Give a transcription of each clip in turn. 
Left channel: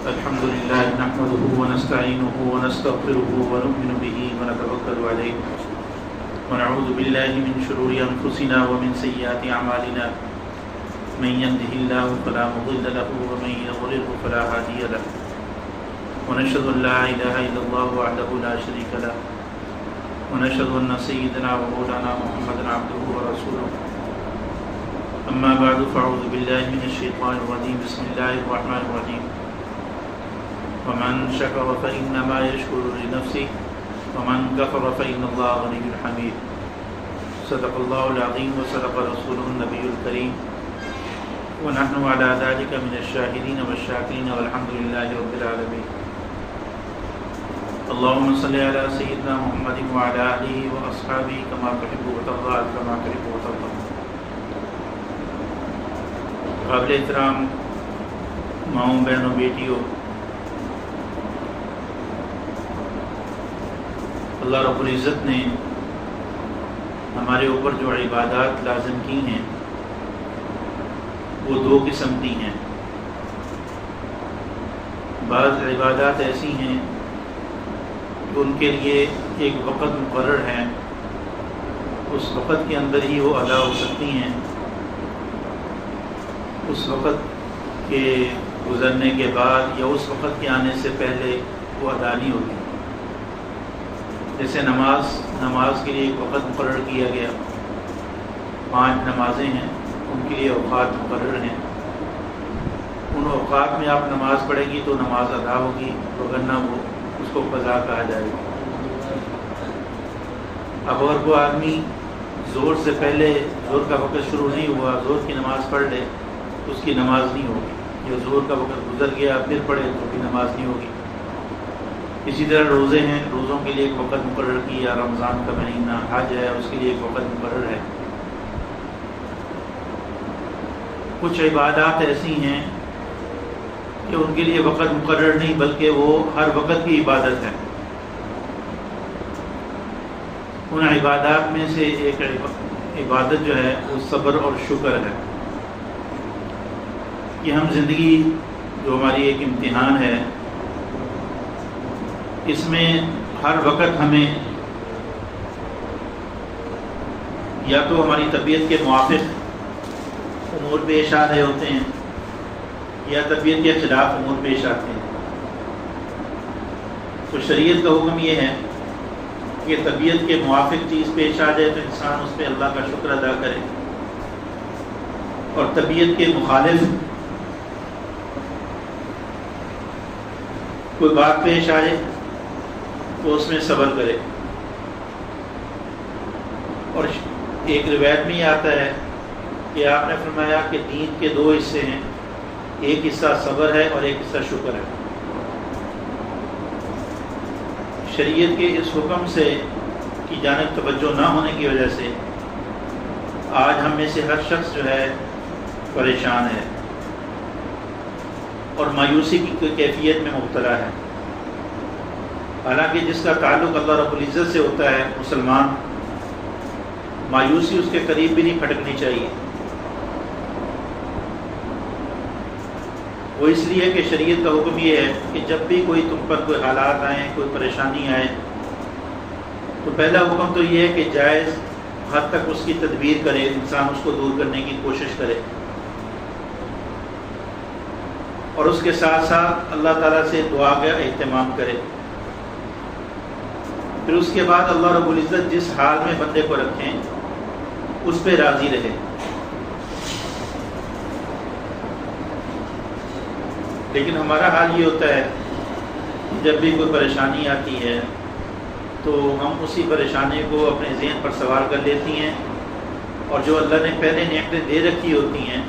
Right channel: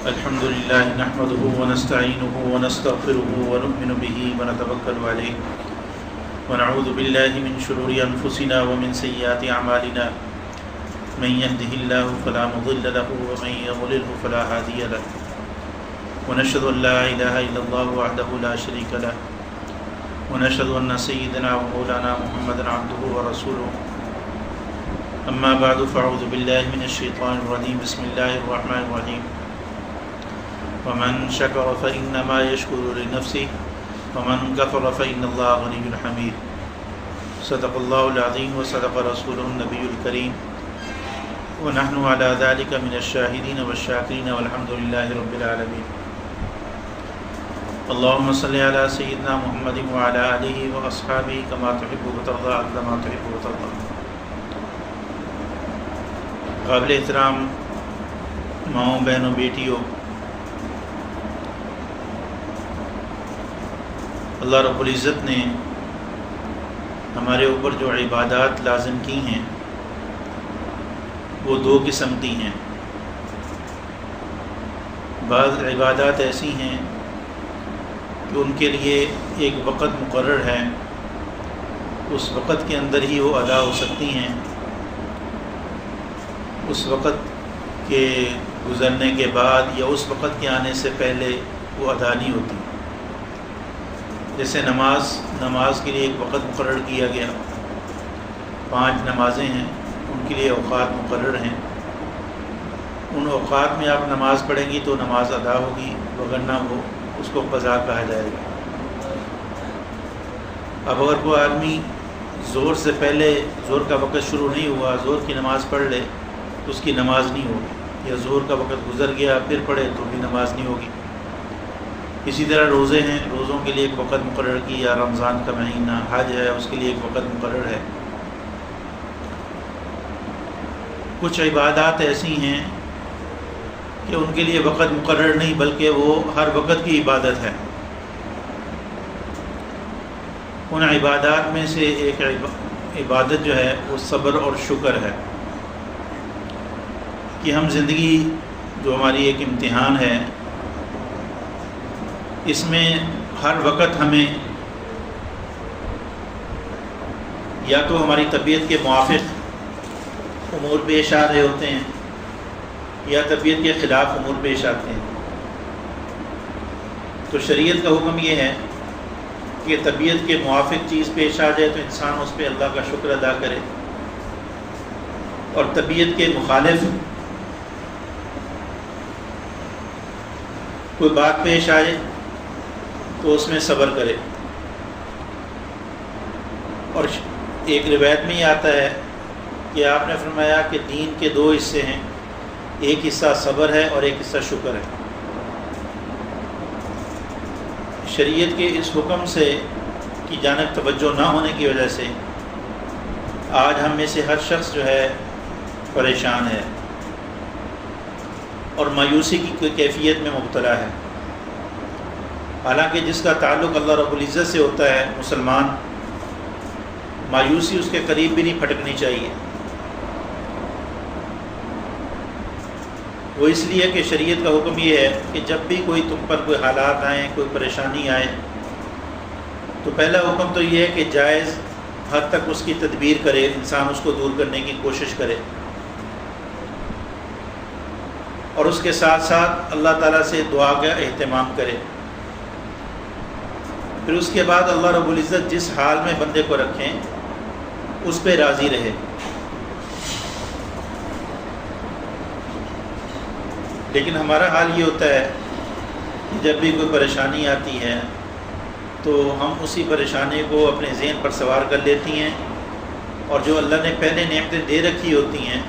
الحمد لله نحمده ونستعينه ونستغفره ونؤمن به ونتوكل عليه ونعوذ بالله من شرور أنفسنا ومن سيئات أعمالنا من يهده الله فلا مضل له ومن يضلل فلا هادي له ونشهد أن لا إله إلا الله وحده لا شريك له ونشهد أن سيدنا ومولانا محمدا عبده ورسوله أما بعد فأعوذ بالله من الشيطان الرجيم بسم الله الرحمن الرحيم ومن شكر فإنما يشكر لنفسه ومن كفر فإن الله غني حميد صدق الله العظيم وصدق رسوله النبي الكريم ونحن على ذلك من الشاهدين والشاكرين والحمد لله رب العالمين اللهم صل على سيدنا محمد وعلى آله وأصحابه كما تحب وترضى كما تحب وترضى. قابل احترام ماؤں بہنوں بیٹیوں، اللہ رب العزت نے ہمارے اوپر جو عبادات لازم کی ہیں وہ دو قسم کی ہیں. بعض عبادات ایسی ہیں کہ ان کے لیے ایک وقت مقرر ہے، اس وقت کے اندر ہی وہ ادا ہو سکتی ہیں، اس وقت کے گزرنے کے بعد یا اس وقت کے آنے سے پہلے وہ ادا نہیں ہوتی. جیسے نماز کے لیے ایک وقت مقرر کیا گیا، 5 نمازیں ہیں، ان کے لیے اوقات مقرر ہیں. ان اوقات میں آپ نماز پڑھیں گی تو نماز ادا ہوگی، ورنہ وہ اس کو قضا کہا جائے گا. اب اگر کوئی آدمی زور سے پہلے، زور کا وقت شروع نہیں ہوا، زور کی نماز پڑھ لے تو اس کی نماز نہیں ہوگی، یا زور کا وقت گزر گیا پھر پڑھے تو بھی نماز نہیں ہوگی. اسی طرح روزے ہیں، روزوں کے لیے ایک وقت مقرر کیا، رمضان کا مہینہ، حج ہے اس کے لیے ایک وقت مقرر ہے. کچھ عبادات ایسی ہیں کہ ان کے لیے وقت مقرر نہیں بلکہ وہ ہر وقت کی عبادت ہے. ان عبادات میں سے ایک عبادت جو ہے وہ صبر اور شکر ہے کہ ہم زندگی جو ہماری ایک امتحان ہے، اس میں ہر وقت ہمیں یا تو ہماری طبیعت کے موافق امور پیش آ رہے ہوتے ہیں یا طبیعت کے خلاف امور پیش آتے ہیں. تو شریعت کا حکم یہ ہے کہ طبیعت کے موافق چیز پیش آ جائے تو انسان اس پہ اللہ کا شکر ادا کرے، اور طبیعت کے مخالف کوئی بات پیش آئے تو اس میں صبر کرے. اور ایک روایت میں یہ آتا ہے کہ آپ نے فرمایا کہ دین کے 2 حصے ہیں، ایک حصہ صبر ہے اور ایک حصہ شکر ہے. شریعت کے اس حکم سے کی جانب توجہ نہ ہونے کی وجہ سے آج ہم میں سے ہر شخص جو ہے پریشان ہے اور مایوسی کی کیفیت میں مبتلا ہے. حالانکہ جس کا تعلق اللہ رب العزت سے ہوتا ہے، مسلمان، مایوسی اس کے قریب بھی نہیں پھٹکنی چاہیے. وہ اس لیے کہ شریعت کا حکم یہ ہے کہ جب بھی کوئی تم پر کوئی حالات آئیں، کوئی پریشانی آئے، تو پہلا حکم تو یہ ہے کہ جائز حد تک اس کی تدبیر کرے، انسان اس کو دور کرنے کی کوشش کرے، اور اس کے ساتھ ساتھ اللہ تعالیٰ سے دعا کا اہتمام کرے. پھر اس کے بعد اللہ رب العزت جس حال میں بندے کو رکھیں اس پہ راضی رہے. لیکن ہمارا حال یہ ہوتا ہے کہ جب بھی کوئی پریشانی آتی ہے تو ہم اسی پریشانی کو اپنے ذہن پر سوار کر لیتی ہیں، اور جو اللہ نے پہلے نعمتیں دے رکھی ہوتی ہیں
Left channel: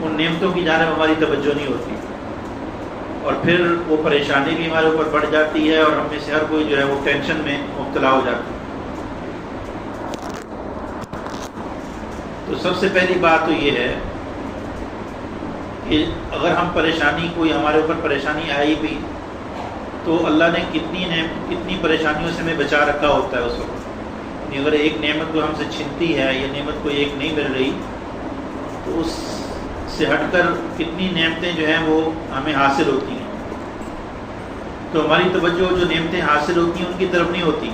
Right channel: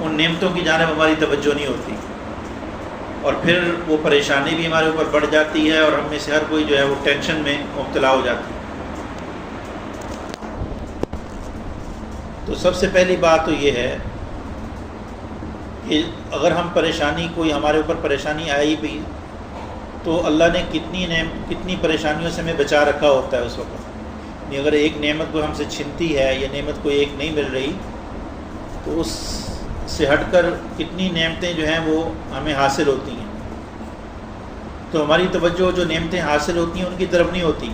ان نعمتوں کی جانب ہماری توجہ نہیں ہوتی، اور پھر وہ پریشانی بھی ہمارے اوپر بڑھ جاتی ہے اور ہم میں سے ہر کوئی جو ہے وہ ٹینشن میں مبتلا ہو جاتا ہے. تو سب سے پہلی بات تو یہ ہے کہ اگر ہم پریشانی، کوئی ہمارے اوپر پریشانی آئی بھی تو اللہ نے کتنی پریشانیوں سے ہمیں بچا رکھا ہوتا ہے اس وقت. اگر ایک نعمت کو ہم سے چھنتی ہے یا نعمت کو ایک نہیں مل رہی تو اس سے ہٹ کر کتنی نعمتیں جو ہیں وہ ہمیں حاصل ہوتی ہیں. تو ہماری توجہ جو نعمتیں حاصل ہوتی ہیں ان کی طرف نہیں ہوتی،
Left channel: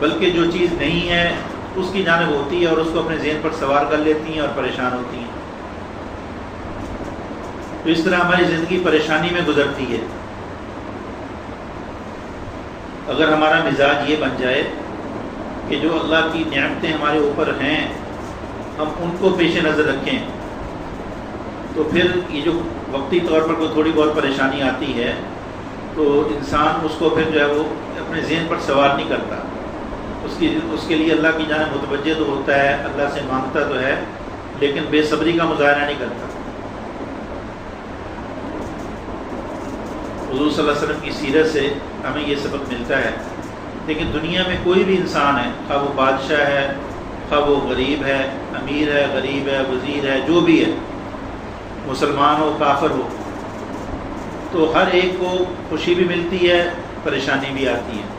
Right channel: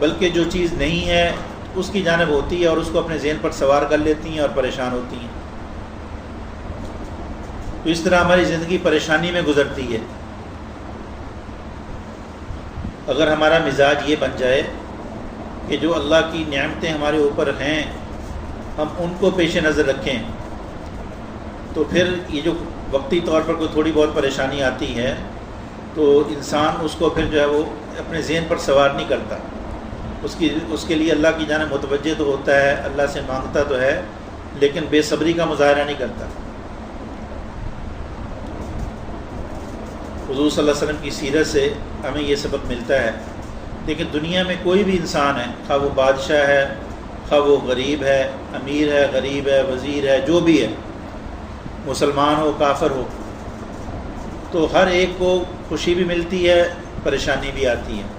بلکہ جو چیز نہیں ہے اس کی جانب ہوتی ہے اور اس کو اپنے ذہن پر سوار کر لیتی ہیں اور پریشان ہوتی ہیں۔ تو اس طرح ہماری زندگی پریشانی میں گزرتی ہے۔ اگر ہمارا مزاج یہ بن جائے کہ جو اللہ کی نعمتیں ہمارے اوپر ہیں ہم ان کو پیش نظر رکھیں، تو پھر یہ جو وقتی طور پر کوئی تھوڑی بہت پریشانی آتی ہے تو انسان اس کو پھر جو ہے وہ اپنے ذہن پر سوار نہیں کرتا، اس کے لیے اللہ کی جانب متوجہ تو ہوتا ہے، اللہ سے مانگتا تو ہے، لیکن بے صبری کا مظاہرہ نہیں کرتا۔ حضور صلی اللہ علیہ وسلم کی سیرت سے ہمیں یہ سبق ملتا ہے۔ لیکن دنیا میں کوئی بھی انسان ہے، خواہ وہ بادشاہ ہے، خواہ وہ غریب ہے، امیر ہے، غریب ہے، وزیر ہے، جو بھی ہے، مسلمان ہو کافر ہو، تو ہر ایک کو خوشی بھی ملتی ہے، پریشانی بھی آتی ہے۔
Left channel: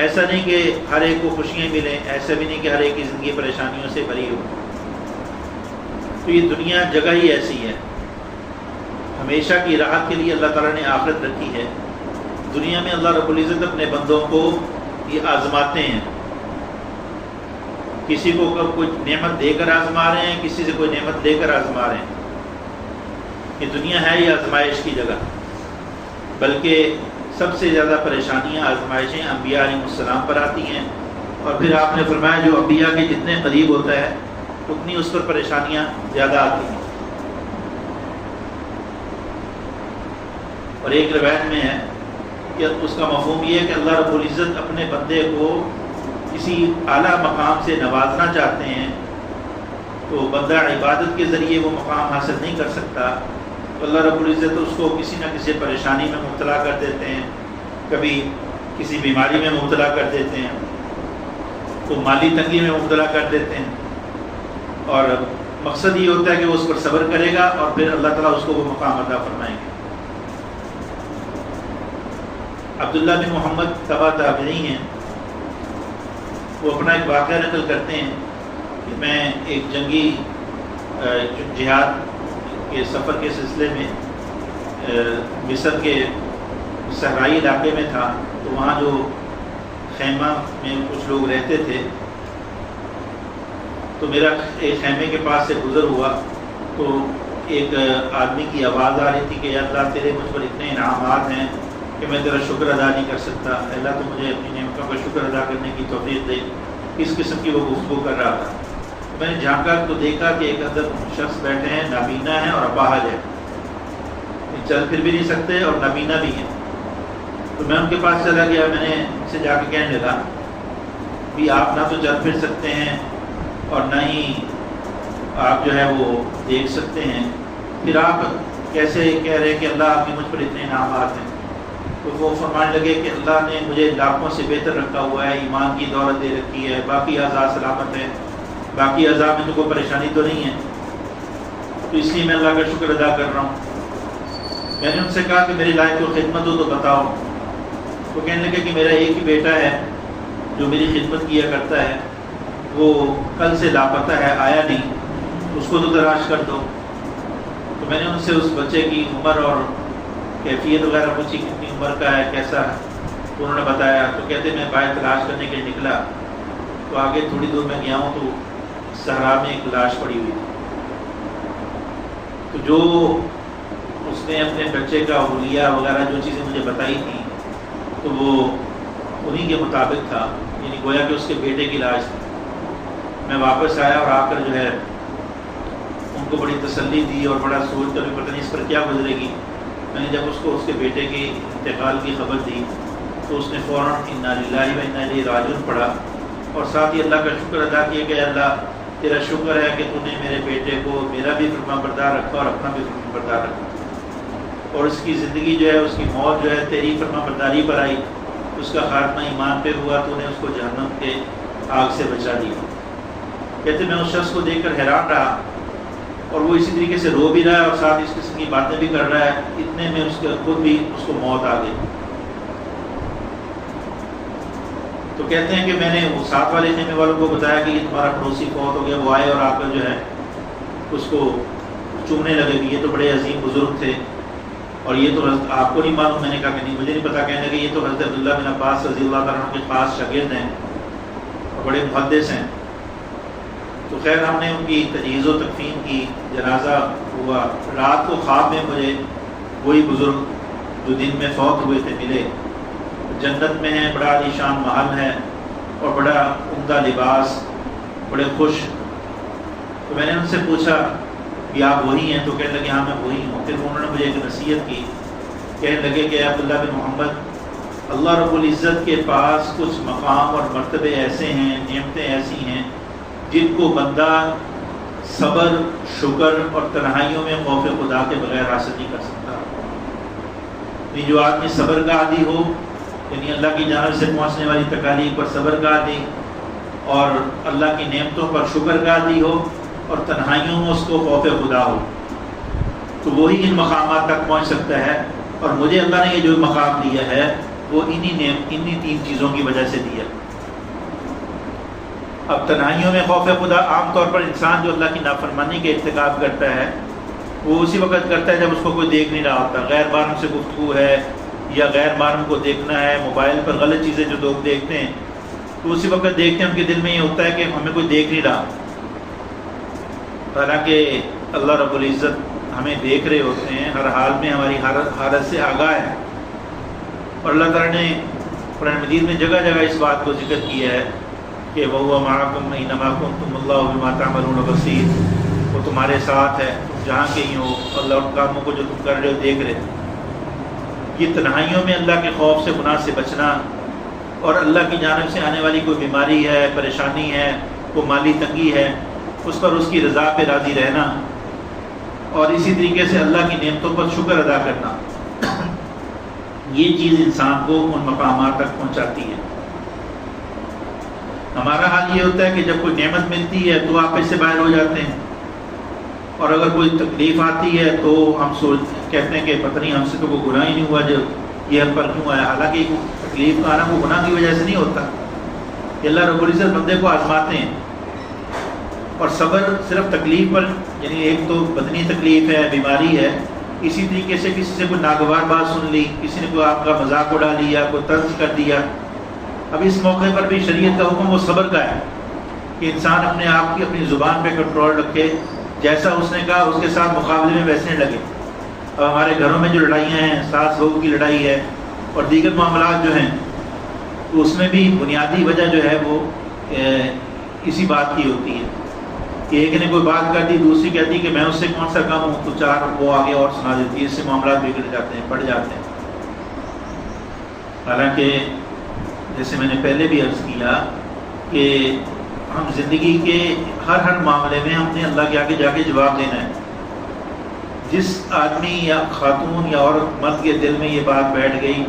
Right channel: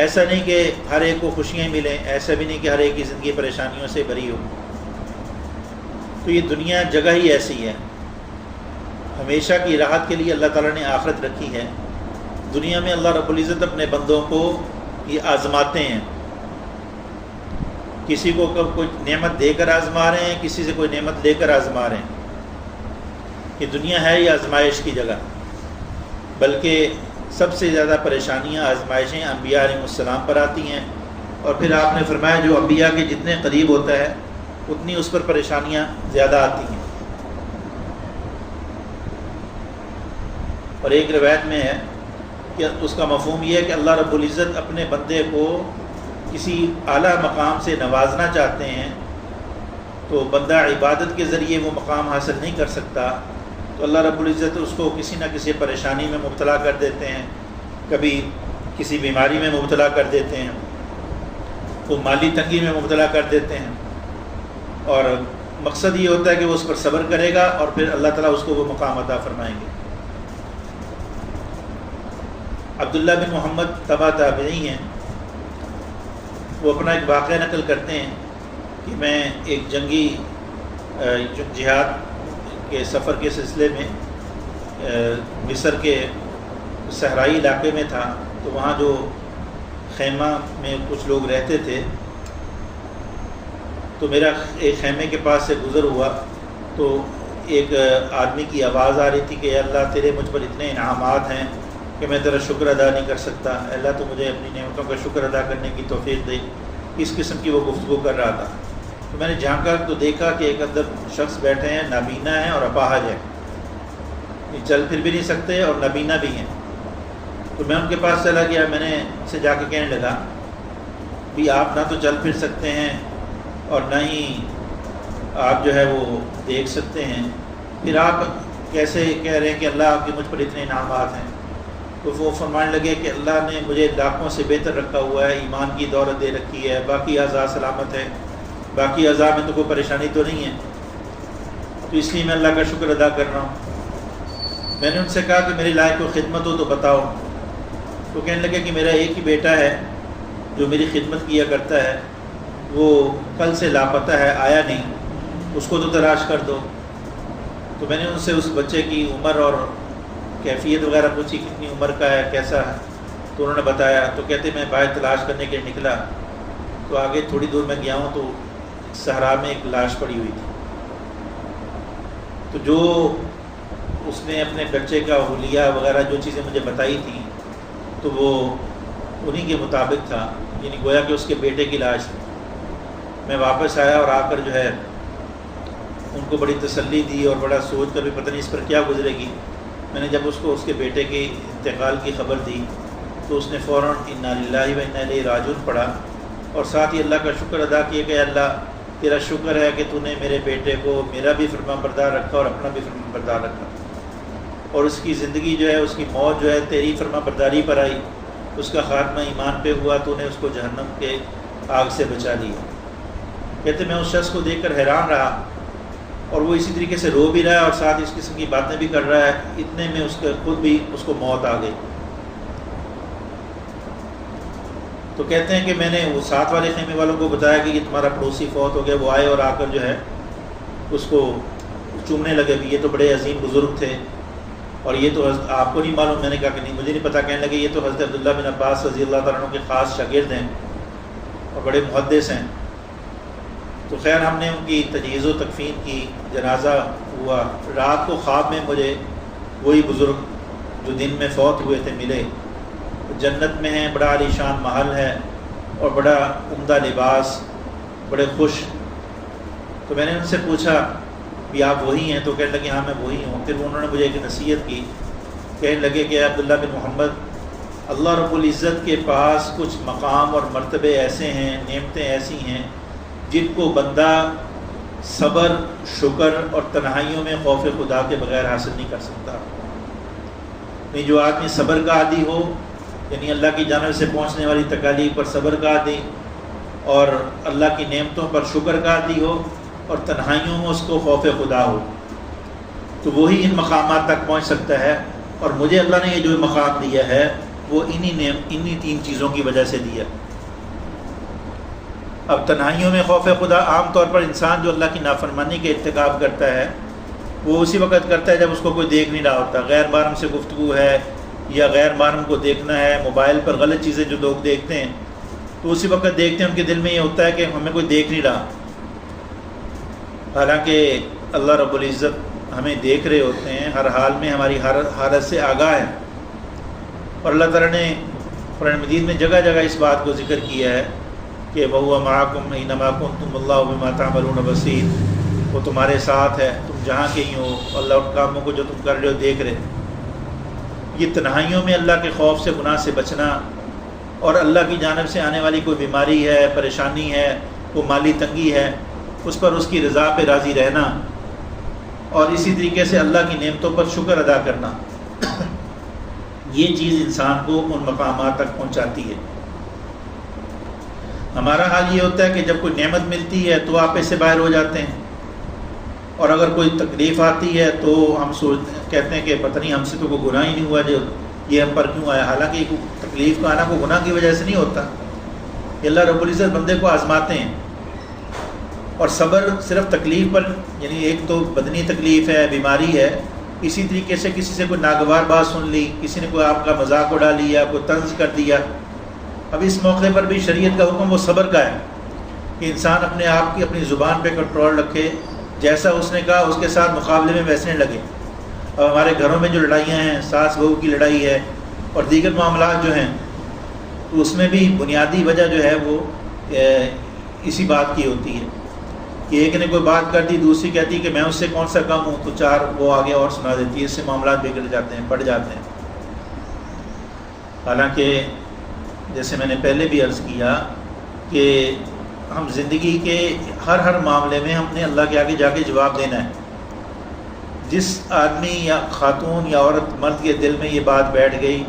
ایسا نہیں کہ ہر ایک کو خوشیاں ملیں، ایسا بھی نہیں کہ ہر ایک کی زندگی پریشانیوں سے بری ہو۔ تو یہ دنیا جگہ ہی ایسی ہے، ہمیشہ کی راحت کے لیے اللہ تعالیٰ نے آخرت رکھی ہے۔ دنیا میں اللہ رب العزت اپنے بندوں کو یہ آزماتے ہیں، کسی کو کوئی نعمت دے کر آزما رہے ہیں، کسی سے کوئی نعمت لے کر آزما رہے ہیں۔ یہ دنیا ہے یہ آزمائش کی جگہ، بلکہ سب سے زیادہ پریشانیاں آزمائشیں انبیاء علیہ السلام پر آتی ہیں، اور پھر آپ نے فرمایا جو انبیاء کے جتنے قریب ہوتا ہے اتنی اس پر پریشانیاں زیادہ آتی ہیں۔ اور ایک روایت میں ہے کہ اس کا مفہوم یہ ہے کہ اللہ رب العزت اپنے بندے کو کسی اعلیٰ مقام سے نوازنا چاہتے ہیں تو بندہ عبادت کے ذریعے وہ مقام حاصل نہیں کر سکتا، تو اللہ رب العزت اس کو کسی نہ کسی پریشانی میں مبتلا کر دیتے ہیں، کبھی کسی بیماری میں مبتلا کر دیتے ہیں، تو مالی تنگی میں مبتلا کر دیتے ہیں، اور مقصد یہ ہوتا ہے کہ وہ اس پر صبر کرے گا اور پھر اللہ تعالیٰ اس کو وہ مقام عطا فرمائیں گے۔ عبداللہ بن محمد تبع تابعی ہیں، وہ اپنا ایک واقعہ نقل کرتے ہیں کہ میں ایک جنگی جہاد کے سفر کے سلسلے میں مصر کے صحرائی علاقے میں تھا، تو وہاں جو خیمہ میں کچھ لوگ رہتے تھے، تو میرا ایک خیمے کے پاس سے گزر ہوا تو ایک آدمی کی آواز آ رہی تھی کہ یا اللہ تیرے مجھ پر اتنے انعامات ہیں کہ میں تیرا شکر ادا نہیں کر سکتا، اللہ تو مجھے اپنی نعمتوں کا شکر ادا کرنے کی توفیق دے۔ اس قسم کی وہ گفتگو کر رہا تھا۔ تو میں نے جھانکا تو دیکھا کہ ایک اندر شخص بیٹھے ہیں، نابینا ہیں اور اپاہج ہے، چل پھر بھی نہیں سکتے اور نابینا بھی ہیں۔ تو میں ان کے پاس چلا گیا، میں نے ان سے جا کے کہنے لگا بھی آپ نہ تو چل پھر سکتے ہیں اور نہ ہی آپ جو ہے وہ دیکھ سکتے ہیں، پھر آپ کیسے کہہ رہے ہیں کہ اللہ آپ کے مجھ پر اتنے انعامات ہیں؟ تو وہ فرمانے لگے کہ اللہ نے مجھے لاکھوں سے بہتر رکھا ہوا ہے، ایمان کی دولت دے رکھی ہے، باقی اعضاء سلامت ہے، باقی اعضاء میں تو کوئی پریشانی تو نہیں ہے، تو اس لیے میں اللہ کا شکر ادا کر رہا ہوں۔ میں نے ان سے کہا کہ میری لائق کوئی خدمت ہو تو بتاؤ۔ تو کہنے لگے کہ میرا ایک ہی بیٹا ہے جو میری خدمت کیا کرتا ہے، وہ کل سے لاپتہ ہے، آیا نہیں، اس کو تو تلاش کر دو۔ تو میں نے ان سے اس بچے کی عمر اور کیفیت وغیرہ پوچھی، کتنی عمر کا ہے، کیسا ہے، تو انہوں نے بتایا۔ تو کہتے میں باہر تلاش کرنے کے لیے نکلا، تو آگے تھوڑی دور میں گیا ہوں تو صحرا میں ایک لاش پڑی ہوئی تھی۔ تو جو اس نے اپنے بچے کا حلیہ وغیرہ جو چیزیں مجھے بتائی تھیں تو وہ انہی کے مطابق تھا، یعنی گویا کہ اس کے بیٹے کی لاش تھی۔ میں واپس آیا اور آ کر جو ہے ان کو بڑی تسلی دی اور بڑا سوچ کر بھی پتہ نہیں اس پر کیا گزرے گی۔ میں نے جب اس کو اس کے بیٹے کے انتقال کی خبر دی تو اس نے فوراً انا للہ و انا الیہ راجعون پڑھا اور ساتھ ہی اللہ کا شکر ادا کیا کہ اللہ تیرا شکر ہے کہ تو نے میرے بیٹے کو میرا بھی فرما بردار رکھا اور اپنا بھی فرما بردار رکھا، اور اس کی زندگی جو ہے، اس کی موت جو ہے تیری فرما برداری پر آئی، اس کا خاتمہ ایمان پہ ہوا، تو نے اس کو جہنم کے آگ سے بچا دیا۔ کہتے میں اس شخص کو دیکھ کر حیران رہا، اور وہ اسی طریقے سے رو بھی رہا ہے اور ساتھ اس قسم کی باتیں بھی کر رہا ہے، اتنے میں اس کے خود بھی اس کو موت آ گئی۔ تو کہتے ہیں کہ میں نے وہ ساتھ والے خیمے والوں کو بتایا کہ یہ تمہارا پڑوسی فوت ہو گیا، وہ آئے اور آ کر جو ہے اس کو چومنے لگے کہ یہ تو بڑے عظیم بزرگ تھے اور یہ تو حضرت آپ کو نہیں معلوم؟ میں نے کہا کہ نہیں مجھے نہیں پتا. کہنے لگے یہ تو حضرت عبداللہ بن عباس رضی اللہ تعالیٰ عنہ کے خاص شاگرد ہیں اور بڑے محدث ہیں. تو خیر ہم نے ان کی تجہیز و تکفین کی، جنازہ ہوا. رات کو خواب میں مجھے وہی بزرگ جو دن میں فوت ہوئے تھے ملے. جنت میں ہیں، بڑا عالی شان محل ہے اور بڑا عمدہ لباس، بڑے خوش. تو میں نے ان سے پوچھا کہ آپ وہی ہیں؟ تو کہنے لگے ہاں میں وہی ہوں. پھر انہوں نے مجھے ایک نصیحت کی، کہنے لگے کہ عبداللہ بن محمد، اللہ رب العزت کے پاس کچھ مقام اور مرتبے ایسے ہیں، نعمتیں ایسی ہیں جن کو بندہ صبر، شکر اور تنہائیوں میں خوف خدا کے بغیر حاصل نہیں کر سکتا. یہ جو آدمی صبر کا عادی ہو، یعنی اللہ کی جانب سے پہنچنے والی تکالیف پر صبر کا عادی، اور اللہ کی نعمتوں پر شکر کا عادی ہو، اور تنہائیوں میں اس کو خوف خدا ہو، تو وہی ان مقامات تک پہنچ سکتا ہے. اور مجھے اللہ نے یہ جو مقام دیا ہے وہ انہی تین چیزوں کی وجہ سے دیا. اب تنہائیوں میں خوف خدا، عام طور پر انسان جو اللہ کی نافرمانی کے ارتکاب کرتا ہے وہ اسی وقت کرتا ہے جب اس کو کوئی دیکھ نہیں رہا ہوتا. غیر محرم سے گفتگو ہے یا غیر محرم کو دیکھنا ہے، موبائل پر غلط چیزیں جو لوگ دیکھتے ہیں تو اسی وقت دیکھتے ہیں ان کے دل میں یہ ہوتا ہے کہ ہمیں کوئی دیکھ نہیں رہا، حالانکہ اللہ رب العزت ہمیں دیکھ رہے ہوتے ہیں، ہر حال میں ہماری حالت سے آگاہ ہے. اور اللہ تعالیٰ نے قرآن مجید میں جگہ جگہ اس بات کو ذکر کیا ہے کہ وَهُوَ مَعَكُمْ أَيْنَمَا كُنتُمْ وَاللَّهُ بِمَا تَعْمَلُونَ بَصِيرٌ. وہ تمہارے ساتھ ہے تم جہاں کہیں ہو، اللہ ان کاموں کو جو تم کر رہے ہو دیکھ رہے. یہ تنہائیوں میں اللہ کے خوف سے، گناہ سے بچنا، اور اللہ کی جانب سے آنے والی کوئی بیماری ہے، پریشانی ہے، کوئی مالی تنگی ہے، اس پر اس کی رضا پہ راضی رہنا، اور اسی طریقے سے اللہ کی نعمتوں پر شکر ادا کرنا، یہ چیز انسان کو ان مقامات تک پہنچاتی ہے. ہمارا حال یہ ہوتا ہے کہ جب کوئی نعمت ملتی ہے تو آپ اس سے باہر ہو جاتے ہیں، اور اگر کوئی تکلیف آتی ہے تو ہم کہتے ہیں کہ پتہ نہیں ہم سے تو کوئی گناہ ہی نہیں ہوا جو یہ ہم پر کیوں آیا. حالانکہ تکلیف کا آنا کوئی گناہ کی وجہ سے نہیں ہوتا. یہ اللہ رب العزت بندے کو آزماتے ہیں. اور صبر صرف تکلیف پر، یعنی ایک تو بدنی تکلیف ہے، بیماری ہے، اسی طریقے سے کسی سے کوئی ناگوار بات سن لی، کسی نے کوئی آپ کا مذاق اڑا لیا، کوئی طنز کر دیا. اب اس موقع پر بھی شریعت کا حکم وہ صبر کا ہے کہ انسان اپنے آپ کی اپنی زبان پہ کنٹرول رکھے، جیسا اس نے کہا اس کے ساتھ مقابلے میں ویسے لگے. اب ہمارے گھروں میں جو لڑائیاں ہیں، ساس بہو کی لڑائی ہے اور دیگر معاملات جو ہیں، تو اس میں بھی بنیادی وجہ جو ہے وہ اسی بات کی ہوتی ہے کہ ایک نے کوئی بات کر دی، دوسری کہتی کہ میں اس سے کون سا کم ہوں، تو چار وہ آگے اور سنا دیتی ہے. اس سے معاملات بگڑ جاتے ہیں، بڑھ جاتے ہیں. حالانکہ جیسے میں نے پہلے بھی عرض کیا کہ ہم زندگی کے ہر معاملے میں ہم نے اللہ کے آگے جا کے جواب دینا ہے. جس آدمی یا خاتون یا عورت مرد کے دل میں یہ بات بیٹھ گئی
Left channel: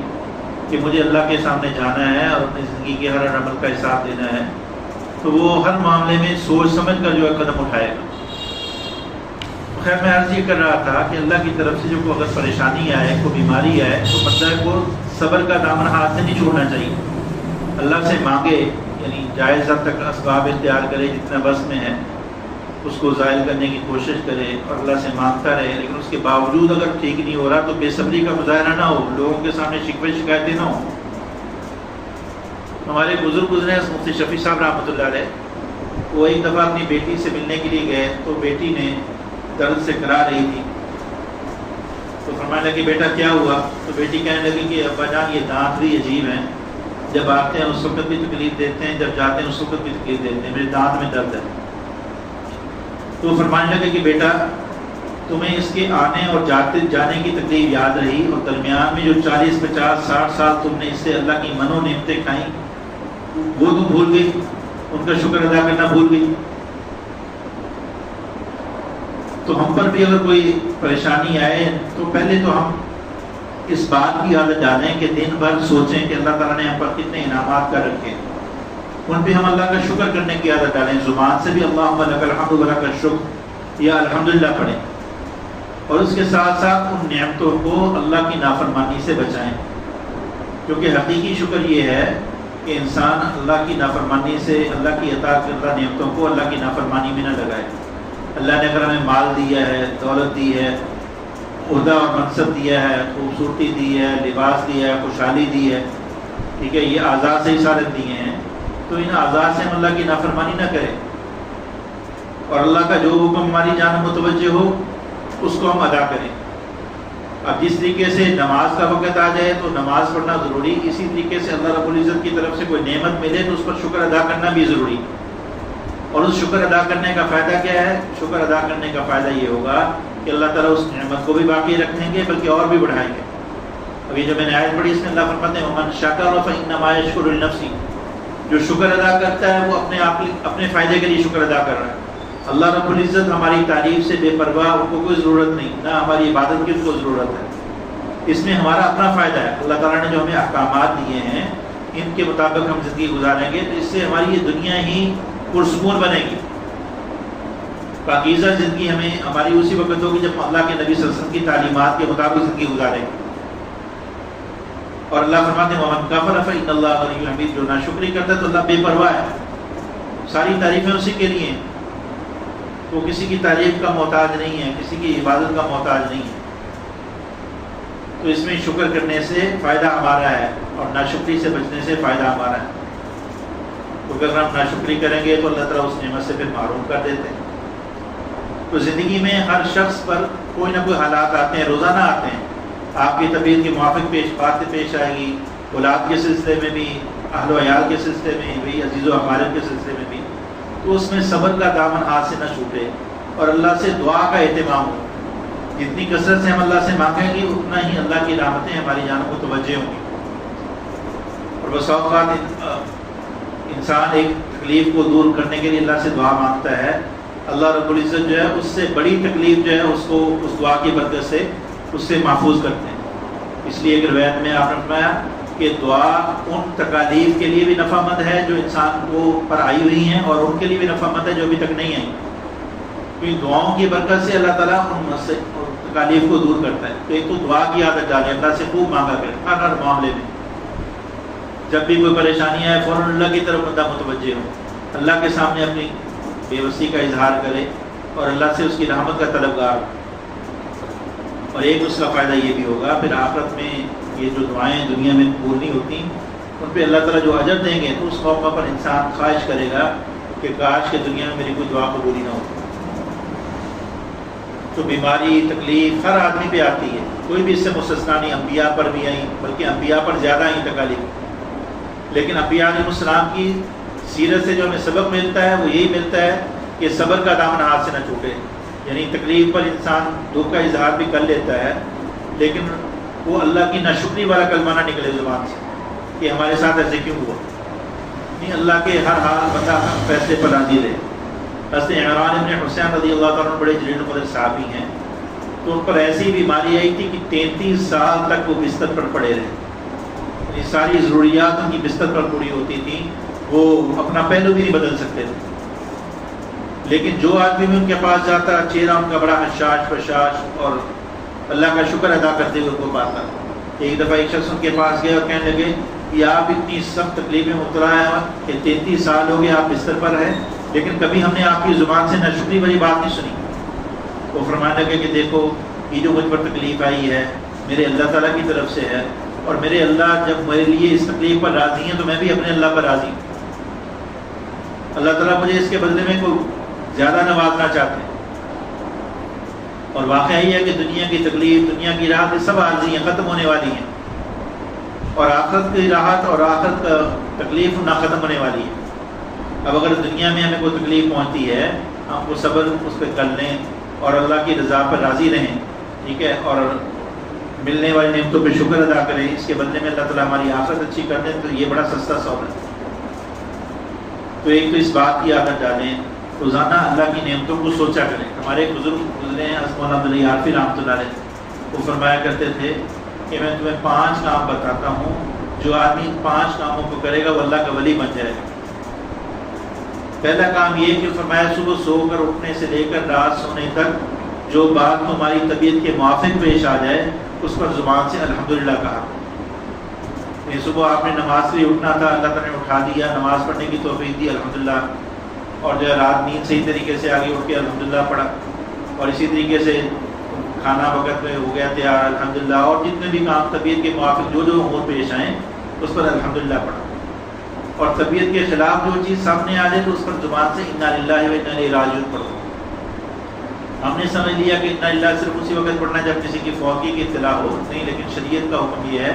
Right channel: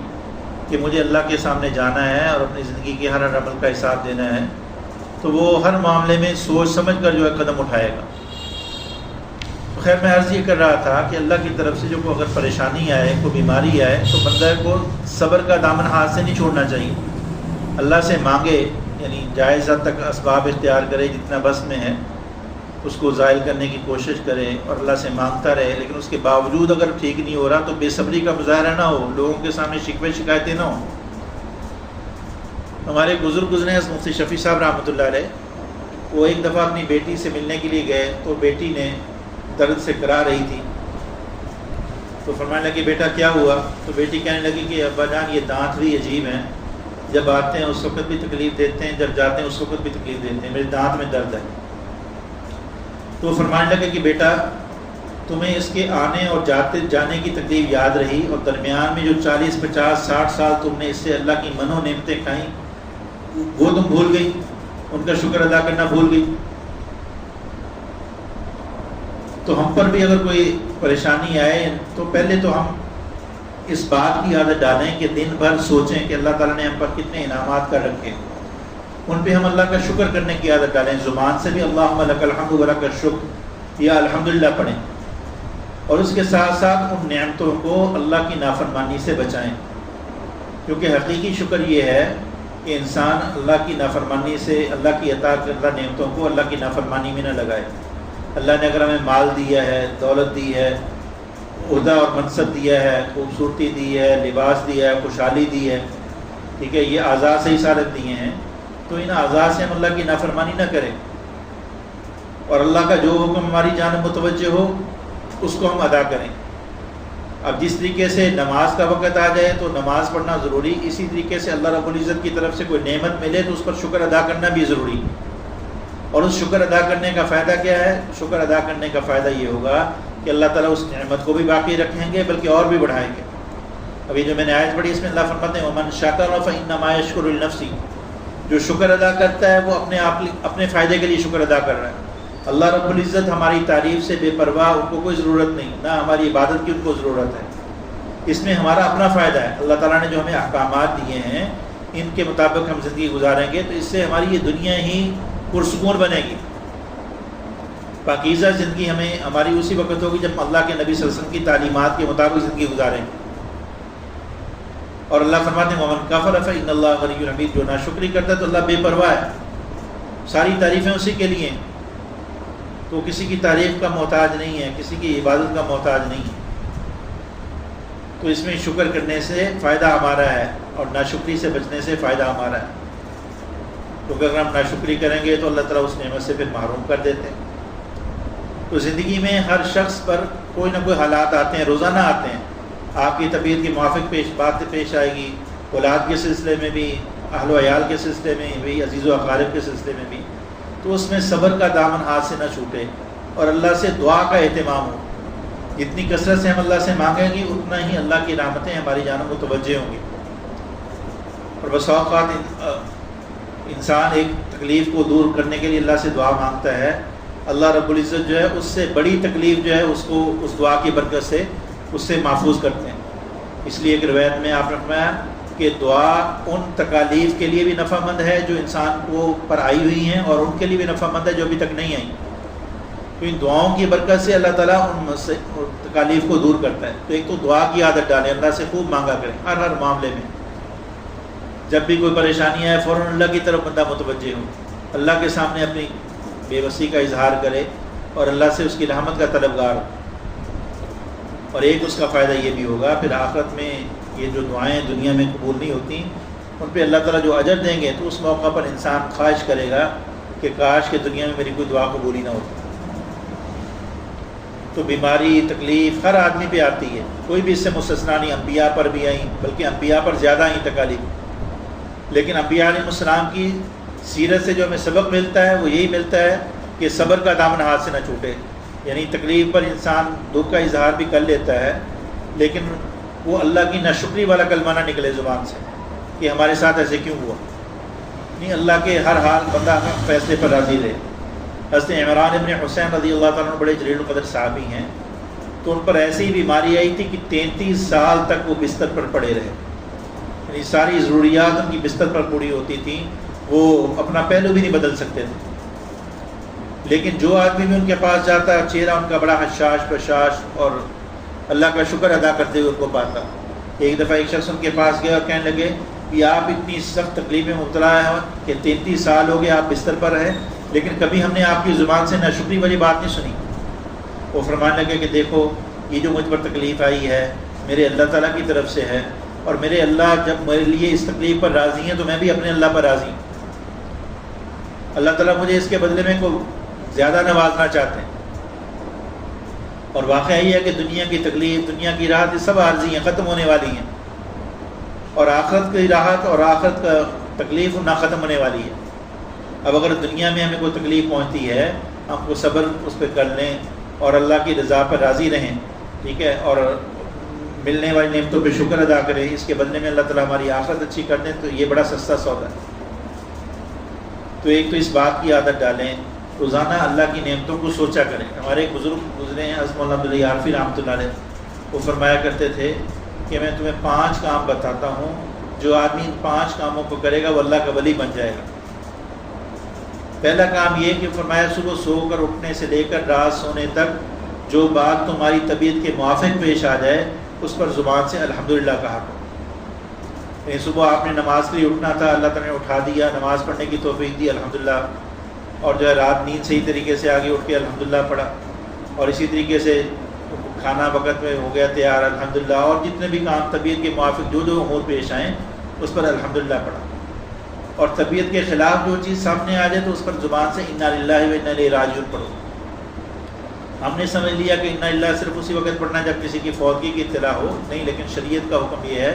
کہ مجھے اللہ کے سامنے جانا ہے اور اپنی زندگی کے ہر عمل کا حساب دینا ہے، تو وہ ہر معاملے میں سوچ سمجھ کر جو ہے قدم اٹھائے گا. خیر میں عرض یہ کر رہا تھا کہ اللہ کی طرف سے جو اگر پریشانی آئے، کوئی بیماری آئے، تو بندہ کو صبر کا دامن ہاتھ سے نہیں چھوڑنا چاہیے. اللہ سے مانگے، یعنی جائز حد تک اسباب اختیار کرے، جتنا بس میں ہے اس کو ظاہر کرنے کی کوشش کرے اور اللہ سے مانگتا رہے. لیکن اس کے باوجود اگر ٹھیک نہیں ہو رہا تو بے صبری کا مظاہرہ نہ ہو، لوگوں کے سامنے شکوے شکایتیں نہ ہوں. ہمارے بزرگ گزرے ہیں مفتی شفیع صاحب رحمۃ اللہ علیہ، وہ ایک دفعہ اپنی بیٹی سے ملنے کے لیے گئے تو بیٹی نے درد سے کرا رہی تھی. تو فرمانے لگی بیٹا کیا ہوا؟ تو بیٹی کہنے لگی کہ ابا جان یہ دانت بھی عجیب ہیں، جب آتے ہیں اس وقت بھی تکلیف دیتے ہیں، جب جاتے ہیں اس وقت بھی تکلیف دیتے ہیں، میرے دانت میں درد ہے. تو فرمانے لگے کہ بیٹا تمہیں اس کے آنے اور جانے کی تکلیف یاد رہی، اور درمیان میں جو 40 50 60 سال تم نے اس سے اللہ کی منو نعمتیں کھائیں وہ تم بھول گئی، ان کا شکر ادا کرنا بھول گئی. تو ہم پر بھی اگر کوئی پریشانی آئے تو پہلے تو ہم اس بات کی عادت ڈالیں کہ دن بھر سوچیں کہ اللہ تعالیٰ نے ہم پر کتنے انعامات کر رکھے، ان پہ ہم اللہ کا شکر کرنے کی عادت ڈالیں. زبان سے بھی اللہم لک الحمد ولک الشکر یا الحمدللہ پڑھیں، اور اس کے ساتھ ساتھ ان نعمتوں کو اللہ کی نافرمانی سے بچائیں. کیونکہ حقیقی شکر یہ ہے کہ انسان اللہ کی نافرمانی سے، اللہ کی اطاعت کردہ نعمتوں کو اللہ کی نافرمانی میں نہ لگائے. اللہ نے اگر ہمیں مال دیا ہے، دولت دی ہے، عہدہ اور منصب دیا ہے، خوبصورتی دی ہے، لباس دیا ہے، خوشحالی دی ہے، ٹھیک ہے، یہ اعضاء سے ہی سارے دیے ہیں، تو ان اعضاء سے ہم اللہ کی نافرمانی نہ کریں اور اللہ کا جو حکم ہماری جانب متوجہ ہو اس کو ہم ادا کریں۔ اب جس طریقے سے نماز کا وقت آ جائے تو نماز پڑھنا ضروری، اسی طریقے سے اللہ رب العزت کی طرف سے کوئی نعمت ملے تو اس پر شکر ادا کرنا بھی ضروری ہے۔ اور اس شکر ادا کرنے کا فائدہ کیا ہے؟ شکر ادا کرنے کا فائدہ یہ ہوگا کہ اللہ تعالیٰ اس نعمت کو بھی باقی رکھیں گے بلکہ اور بھی بڑھائیں گے۔ ابھی جو میں نے آیت پڑھی اس میں اللہ فرماتے ہیں وَمَنْ شَكَرَ فَإِنَّمَا يَشْكُرُ لِنَفْسِهِ، جو شکر ادا کرتا ہے وہ اپنے فائدے کے لیے شکر ادا کر رہا ہے۔ اللہ رب العزت ہماری تعریف سے بے پرواہ، ان کو کوئی ضرورت نہیں، نہ ہماری عبادت کی ان کو ضرورت ہے، اس میں ہمارا اپنا فائدہ ہے۔ اللہ تعالیٰ نے جو ہمیں احکامات دیے ہیں ان کے مطابق ہم زندگی گزاریں گے تو اس سے ہماری یہ دنیا ہی پرسکون بنے گی۔ پاکیزہ زندگی ہماری اسی وقت ہوگی جب اللہ کے نبی صلی اللہ علیہ وسلم کی تعلیمات کے مطابق زندگی گزاریں گے۔ اور اللہ فرماتے ہیں وَمَنْ كَفَرَ فَإِنَّ اللَّهَ غَنِيٌّ حَمِيدٌ، جو ناشکری کرتا ہے تو اللہ بے پرواہ ہے، ساری تعریفیں اسی کے لیے ہیں، وہ کسی کی تعریف کا محتاج نہیں ہے، کسی کی عبادت کا محتاج نہیں ہے۔ تو اس میں شکر کرنے سے فائدہ ہمارا ہے اور ناشکری سے بچنے سے فائدہ ہمارا ہے۔ تو اگر ہم ناشکری کریں گے تو اللہ تعالیٰ اس نعمت سے پھر محروم کر دیتے ہیں۔ تو زندگی میں ہر شخص پر کوئی نہ کوئی حالات آتے ہیں، روزانہ آتے ہیں، آپ کی طبیعت کے موافق باتیں پیش آئے گی، اولاد کے سلسلے میں بھی، اہل و عیال کے سلسلے میں بھی، عزیز و اقارب کے سلسلے میں بھی، تو اس میں صبر کا دامن ہاتھ سے نہ چھوٹے اور اللہ سے دعا کا اہتمام ہو۔ جتنی کثرت سے ہم اللہ سے مانگیں گے اتنا ہی اللہ کی رحمتیں ہماری جانب متوجہ ہوں گی۔ اور بس اوقات انسان ایک تکلیف کو دور کرنے کے لیے اللہ سے دعا مانگتا ہے، اللہ رب العزت جو ہے اس سے بڑی تکلیف جو ہے اس کو اس دعا کی برکت سے اس سے محفوظ کرتے ہیں۔ اس لیے ایک روایت میں آپ نے فرمایا کہ دعا ان تکالیف کے لیے بھی نفع مند ہے جو انسان کو پر آئی ہوئی ہیں اور ان کے لیے بھی نفع مند ہے جو ابھی تک نہیں آئی، کیونکہ دعاؤں کی برکت سے اللہ تعالیٰ ان تکالیف کو دور کرتا ہے۔ تو ایک تو دعا کی عادت ڈالیں، اللہ سے خوب مانگا کریں ہر معاملے میں، جب بھی کوئی پریشانی آئے فوراً اللہ کی طرف بندہ متوجہ ہو، اللہ کے سامنے اپنی بے بسی کا اظہار کرے اور اللہ سے اس کی رحمت کا طلبگار ہو۔ اور ایک اس کا فائدہ یہ بھی ہوگا پھر آخرت میں یہ جو دعائیں دنیا میں قبول نہیں ہوتی ان پہ اللہ تعالیٰ جو اجر دیں گے تو اس موقع پر انسان خواہش کرے گا کہ کاش کہ دنیا میں میری کوئی دعا قبول ہی نہ ہوتی۔ تو بیماری تکلیف ہر آدمی پہ آتی ہے، کوئی بھی اس سے مستثنا نہیں، انبیاء پر بھی آئیں، بلکہ انبیاء پر زیادہ آئیں تکالیف، لیکن انبیاء علیہ السلام کی سیرت سے جو ہمیں سبق ملتا ہے وہ یہی ملتا ہے کہ صبر کا دامن ہاتھ سے نہ چھوٹے، یعنی تکلیف پر انسان دکھ کا اظہار بھی کر لیتا ہے لیکن وہ اللہ کی ناشکری والا کلمہ نہ نکلے زبان سے کہ ہمارے ساتھ ایسے کیوں ہوا، نہیں، اللہ کے ہر حال بندہ فیصلے پر راضی رہے۔ حضرت عمران ابن حسین رضی اللہ تعالیٰ عنہ بڑے جلیل القدر صحابی ہیں، تو ان پر ایسی بیماری آئی تھی کہ 33 سال تک وہ بستر پر پڑے رہے، یعنی ساری ضروریات ان کی بستر پر پوری ہوتی تھیں، وہ اپنا پہلو بھی نہیں بدل سکتے تھے، لیکن جو آدمی بھی ان کے پاس جاتا چہرہ ان کا بڑا حشاش بشاش اور اللہ کا شکر ادا کرتے ہوئے ان کو پاتا۔ ایک دفعہ ایک شخص ان کے پاس گیا اور کہنے لگے کہ آپ اتنی سخت تکلیفیں مبتلا ہیں کہ 33 سال ہو گئے آپ بستر پر ہیں لیکن کبھی ہم نے آپ کی زبان سے ناشکری والی بات نہیں سنی۔ وہ فرمانے لگے کہ دیکھو یہ جو مجھ پر تکلیف آئی ہے میرے اللہ تعالیٰ کی طرف سے ہے، اور میرے اللہ جب میرے لیے اس تکلیف پر راضی ہیں تو میں بھی اپنے اللہ پر راضی ہوں، اللہ تعالیٰ مجھے اس کے بدلے میں کوئی زیادہ نوازنا چاہتے ہیں۔ اور واقعہ یہ ہے کہ دنیا کی تکلیف، دنیا کی راحت، یہ سب عارضی ہیں، ختم ہونے والی ہیں، اور آخرت کی راحت اور آخرت کا تکلیف نہ ختم ہونے والی ہے۔ اب اگر دنیا میں ہمیں کوئی تکلیف پہنچتی ہے ہم کو صبر اس پہ کر لیں اور اللہ کی رضا پر راضی رہیں، ٹھیک ہے، اور ملنے والی نعمتوں پہ شکر ادا کریں، اس کے بدلے میں اللہ تعالیٰ ہماری آخرت اچھی کر دیں، تو یہ بڑا سستا سودا ہے۔ تو ایک تو اس بات کی عادت ڈالیں، روزانہ اللہ کی نعمتوں کو سوچا کریں۔ ہمارے ایک بزرگ گزرے ہیں حضرت مولانا عبداللہ عارفی رحمۃ اللہ علیہ، وہ فرمایا کرتے تھے کہ میں تمہیں 5 کام بتاتا ہوں، جو آدمی ان 5 کاموں کو کرے گا وہ اللہ کا ولی بن جائے گا۔ پہلا کام یہ کہ فرمایا صبح سو کر اٹھنے سے لے کر رات سونے تک جو بات تمہاری طبیعت کے موافق پیش آ جائے اس پر زبان سے الحمدللہ کہا۔ صبح آپ نے نماز کے لیے اٹھنا تھا، اللہ تعالیٰ نے اٹھا دیا، نماز پڑھنے کی توفیق دی، الحمدللہ، اور جو ہے رات نیند صحیح طریقے سے آگے اٹھ کے الحمدللہ پڑھا، اور اسی طریقے سے کھانا وقت میں ہو گیا تیار الحمدللہ، اور جتنے بھی کام طبیعت کے موافق جو امور پیش آئیں اس پر الحمدللہ پڑھا، اور طبیعت کے خلاف جو چیز سامنے آ جائے تو اس پر زبان سے انا للہ و انا الیہ راجعون پڑھو۔ ہم نے سمجھ لیا کہ انا للہ صرف اسی وقت پڑھنا جب کسی کی فوتگی کی اطلاع ہو، نہیں، لیکن شریعت کا حکم یہ ہے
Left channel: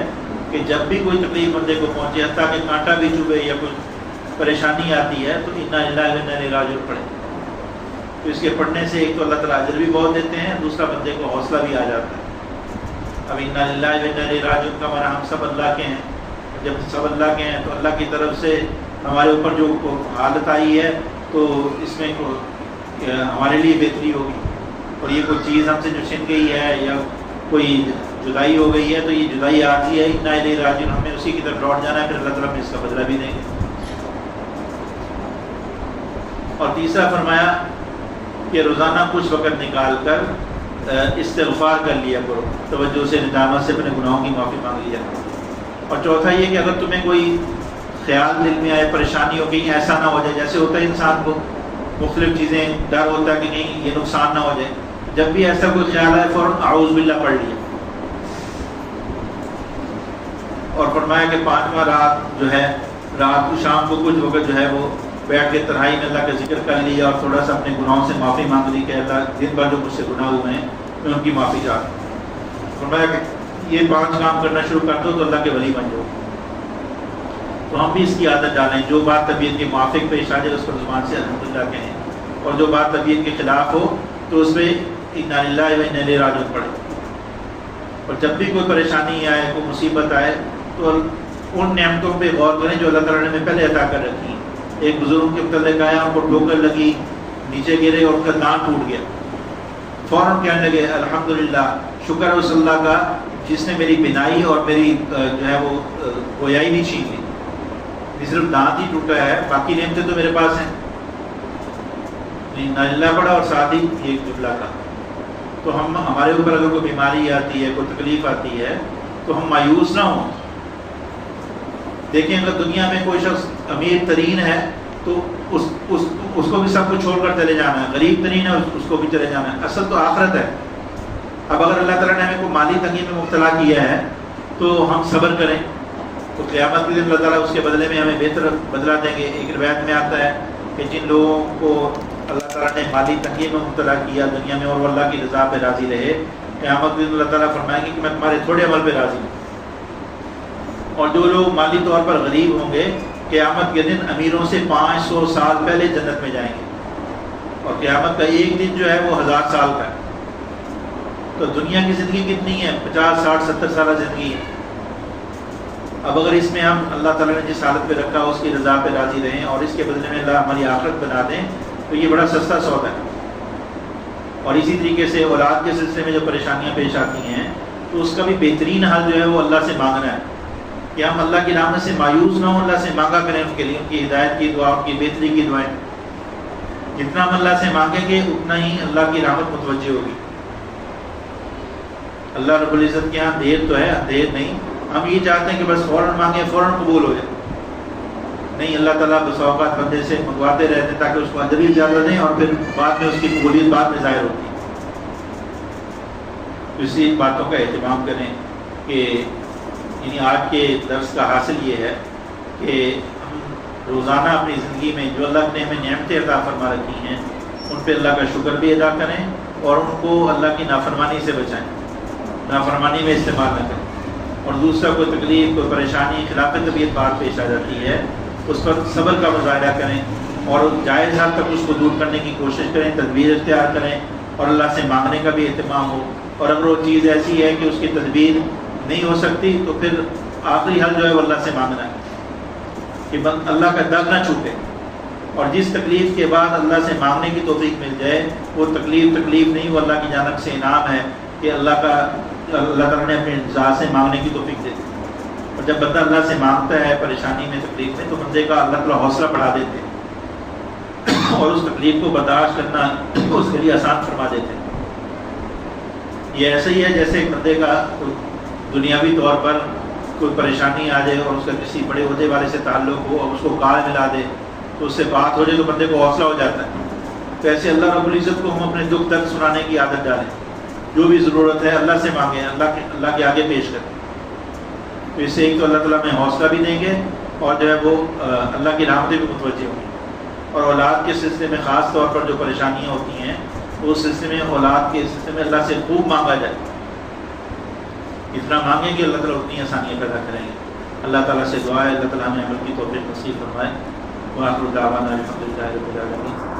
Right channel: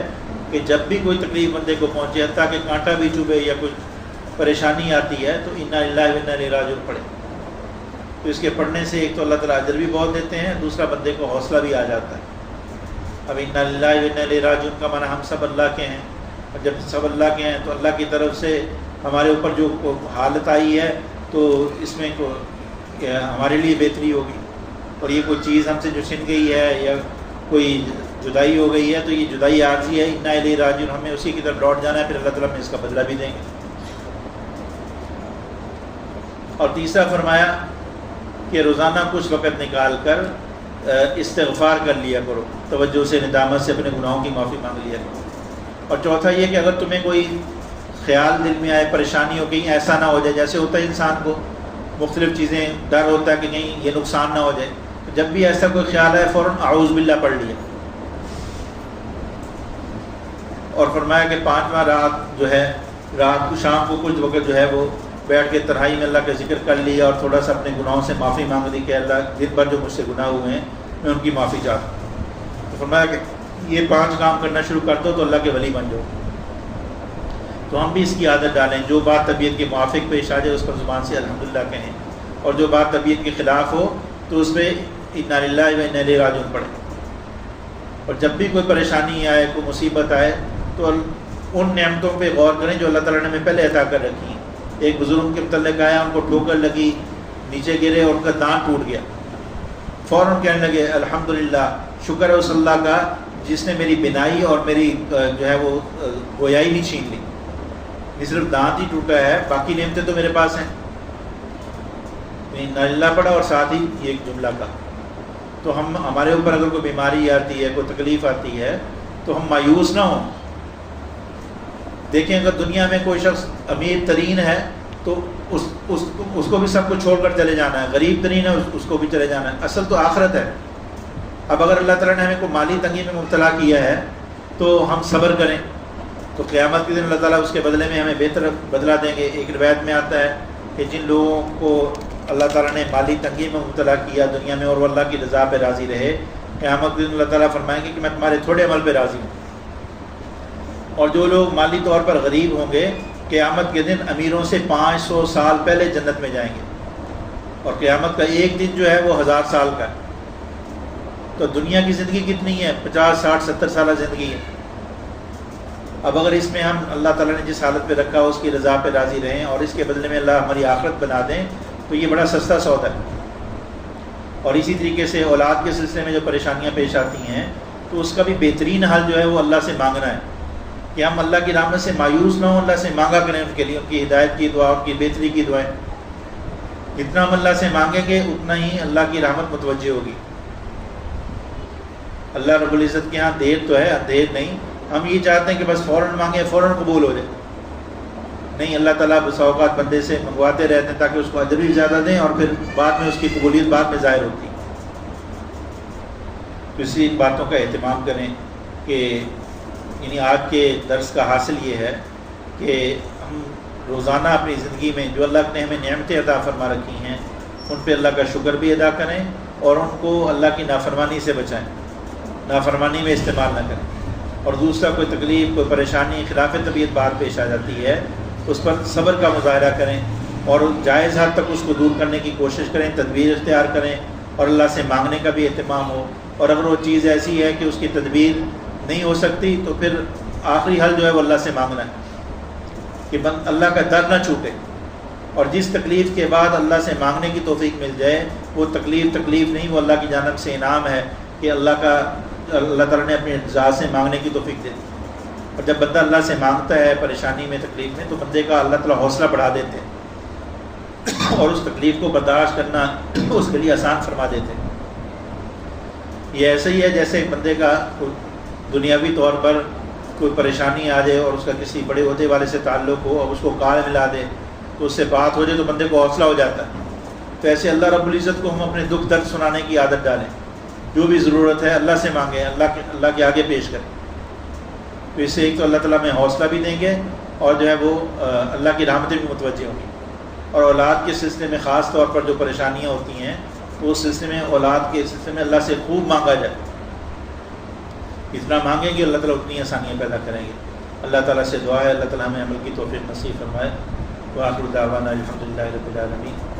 کہ جب بھی کوئی تکلیف بندے کو پہنچے، حتیٰ کہ کانٹا بھی چبھے یا کوئی پریشانی آتی ہے، تو انا للہ و انا الیہ راجعون پڑھے۔ تو اس کے پڑھنے سے ایک تو اللہ تعالیٰ اجر بھی بہت دیتے ہیں، دوسرا بندے کو حوصلہ بھی آ جاتا ہے۔ اب انا للہ و انا الیہ راجعون کا معنی ہم سب اللہ کے ہیں، جب سب اللہ کے ہیں تو اللہ کی طرف سے ہمارے اوپر جو حالت آئی ہے تو اس میں ہمارے لیے بہتری ہوگی، اور یہ کوئی چیز ہم سے جو چھن گئی ہے یا کوئی جدائی ہو گئی ہے تو یہ جدائی عارضی ہے، انا الیہ راجعون، ہمیں اسی کی طرف لوٹ جانا ہے، پھر اللہ تعالیٰ ہمیں اس کا بدلہ بھی دیں گے۔ اور تیسرا فرمایا کہ روزانہ کچھ وقت نکال کر استغفار کر لیا کرو، توجہ سے ندامت سے اپنے گناہوں کی معافی مانگ لیا کرو۔ اور چوتھا یہ کہ اگر تمہیں کوئی خیال دل میں آئے، پریشانی ہو، کہیں ایسا نہ ہو جائے، جیسے ہوتا ہے انسان کو مختلف چیزیں ڈر ہوتا ہے کہ کہیں یہ نقصان نہ ہو جائے، جب بھی ایسا کوئی خیال آئے فوراً اعوذ باللہ پڑھ لیا۔ اور فرمایا کہ 5واں رات جو ہے، رات کو شام کو کچھ وقت جو ہے وہ بیٹھ کے تنہائی میں اللہ کا ذکر کر لیا اور تھوڑا سا اپنے گناہوں سے معافی مانگ لی، کہتا دن بھر جو مجھ سے گناہ ہوئے ہیں میں ان کی معافی چاہتا ہوں۔ فرمایا کہ یہ 5 کام کرنا شروع کر دو تو اللہ کے ولی بن جاؤ۔ تو ہم بھی اس کی عادت ڈالیں، جو بات طبیعت کے موافق پیش آ جائے اس پر زبان سے الحمدللہ کہیں، اور جو بات طبیعت کے خلاف ہو تو اس پہ انا للہ و انا الیہ راجعون پڑھیں۔ اور جب بھی کوئی پریشانی آئے، کوئی مصیبت آئے تو ان نعمتوں پہ غور کریں جو اللہ تعالیٰ نے ہمیں پہلے عطا کر رکھی ہیں۔ ایک بزرگ کے متعلق آیا، ان کو ٹھوکر لگی، نیچے گرے اور ان کا دانت ٹوٹ گیا، فوراً کہنے لگے الحمدللہ، شکر ہے اس اللہ کا جس نے میری بینائی اور میری جو ہے وہ گویائی نہیں چھین لی، یہ صرف دانت ہی ٹوٹا ہے، باقی نعمتیں تو میرے پاس ہیں۔ اللہ پڑھا اور ساتھ ہی یہ جملہ کا۔ تو ہمارے اوپر اگر کوئی بیماری آتی ہے، کوئی تکلیف آتی ہے تو ہم مایوس نہ ہوں۔ دیکھیں اگر دنیا میں کوئی شخص امیر ترین ہے تو اس کو بھی سب کچھ چھوڑ کر چلے جانا ہے، غریب ترین ہے اس کو بھی چلے جانا ہے، اصل تو آخرت ہے۔ اب اگر اللہ تعالیٰ نے ہمیں کوئی مالی تنگی میں مبتلا کیا ہے تو ہم صبر کریں، تو قیامت کے دن اللہ تعالیٰ اس کے بدلے میں ہمیں بہتر بدلہ دیں گے۔ ایک روایت میں آتا ہے کہ جن لوگوں کو اللہ تعالیٰ نے مالی تنگی میں مبتلا کیا دنیا میں اور وہ اللہ کی رضا پہ راضی رہے، قیامت کے دن اللہ تعالیٰ فرمائیں گے کہ میں تمہارے تھوڑے عمل پہ راضی ہوں۔ اور جو لوگ مالی طور پر غریب ہوں گے قیامت کے دن امیروں سے 500 سال پہلے جنت میں جائیں گے، اور قیامت کا ایک دن جو ہے وہ 1000 سال کا ہے۔ تو دنیا کی زندگی کتنی ہے؟ 50 60 70 سالہ زندگی ہے۔ اب اگر اس میں ہم اللہ تعالیٰ نے جس حالت پہ رکھا اس کی رضا پہ راضی رہیں اور اس کے بدلے میں اللہ ہماری آخرت بنا دیں تو یہ بڑا سستا سودا ہے۔ اور اسی طریقے سے اولاد کے سلسلے میں جو پریشانیاں پیش آتی ہیں تو اس کا بھی بہترین حل جو ہے وہ اللہ سے مانگنا ہے، کہ ہم اللہ کی رحمت سے مایوس نہ ہوں، اللہ سے مانگا کریں ان کے لیے، ان کی ہدایت کی دعا، ان کی بہتری کی دعائیں۔ جتنا ہم اللہ سے مانگیں گے اتنا ہی اللہ کی رحمت متوجہ ہوگی۔ اللہ رب العزت کے ہاں دیر تو ہے، اندھیر نہیں۔ ہم یہ چاہتے ہیں کہ بس فوراً مانگیں فوراً قبول ہو جائے، نہیں، اللہ تعالیٰ بس اوقات بندے سے منگواتے رہتے ہیں تاکہ اس کو اجر بھی زیادہ دیں اور پھر بعد میں اس کی قبولیت بعد میں ظاہر ہوتی ہے۔ اسی باتوں کا اہتمام کریں کہ یعنی آج کے درس کا حاصل یہ ہے کہ ہم روزانہ اپنی زندگی میں جو اللہ نے ہمیں نعمتیں عطا فرما رکھی ہیں ان پہ اللہ کا شکر بھی ادا کریں اور ان کو اللہ کی نافرمانی سے بچائیں، نافرمانی میں استعمال نہ کریں۔ اور دوسرا کوئی تکلیف، کوئی پریشانی، خلاف طبیعت بات پیش آ جاتی ہے اس پر صبر کا مظاہرہ کریں اور جائز حد تک اس کو دور کرنے کی کوشش کریں، تدبیر اختیار کریں اور اللہ سے مانگنے کا بھی اہتمام ہو۔ اور اگر وہ چیز ایسی ہے کہ اس کی تدبیر نہیں ہو سکتی تو پھر آخری حل جو ہے وہ اللہ سے مانگنا ہے کہ اللہ کا در نہ چھوٹے، اور جس تکلیف کے بعد اللہ سے مانگنے کی توفیق مل جائے وہ تکلیف نہیں، وہ اللہ کی جانب سے انعام ہے کہ اللہ تعالیٰ نے اپنی ذات سے مانگنے کی توفیق دے دی۔ اور جب بندہ اللہ سے مانگتا ہے پریشانی میں، تکلیف میں، تو بندے کا اللہ تعالیٰ حوصلہ بڑھا دیتے ہیں اور اس تکلیف کو برداشت کرنا اس کے لیے آسان فرما دیتے ہیں۔ یہ ایسا ہی ہے جیسے ایک بندے کا دنیاوی طور پر کوئی پریشانی آ جائے اور اس کا کسی بڑے عہدے والے سے تعلق ہو اور اس کو کار ملا دے تو اس سے بات ہو جائے تو بندے کو حوصلہ ہو جاتا ہے۔ تو ایسے اللہ رب العزت کو ہم اپنے دکھ درد سنانے کی عادت ڈالیں جو بھی ضرورت ہے اللہ سے مانگیں، اللہ کے آگے پیش کریں. تو اس سے ایک تو اللہ تعالیٰ ہمیں حوصلہ بھی دیں گے اور جو ہے وہ اللہ کی رحمتیں بھی متوجہ ہوں گی. اور اولاد کے سلسلے میں خاص طور پر جو پریشانیاں ہوتی ہیں اس سلسلے میں، اولاد کے سلسلے میں اللہ سے خوب مانگا جائے. اتنا مانگیں گے اللہ تعالیٰ اتنی آسانیاں پیدا کریں گے. اللہ تعالیٰ سے دعا ہے اللہ تعالیٰ ہمیں عمل کی توفیق نصیب فرمائے. وآخر دعوانا الحمدللہ رب العالمین.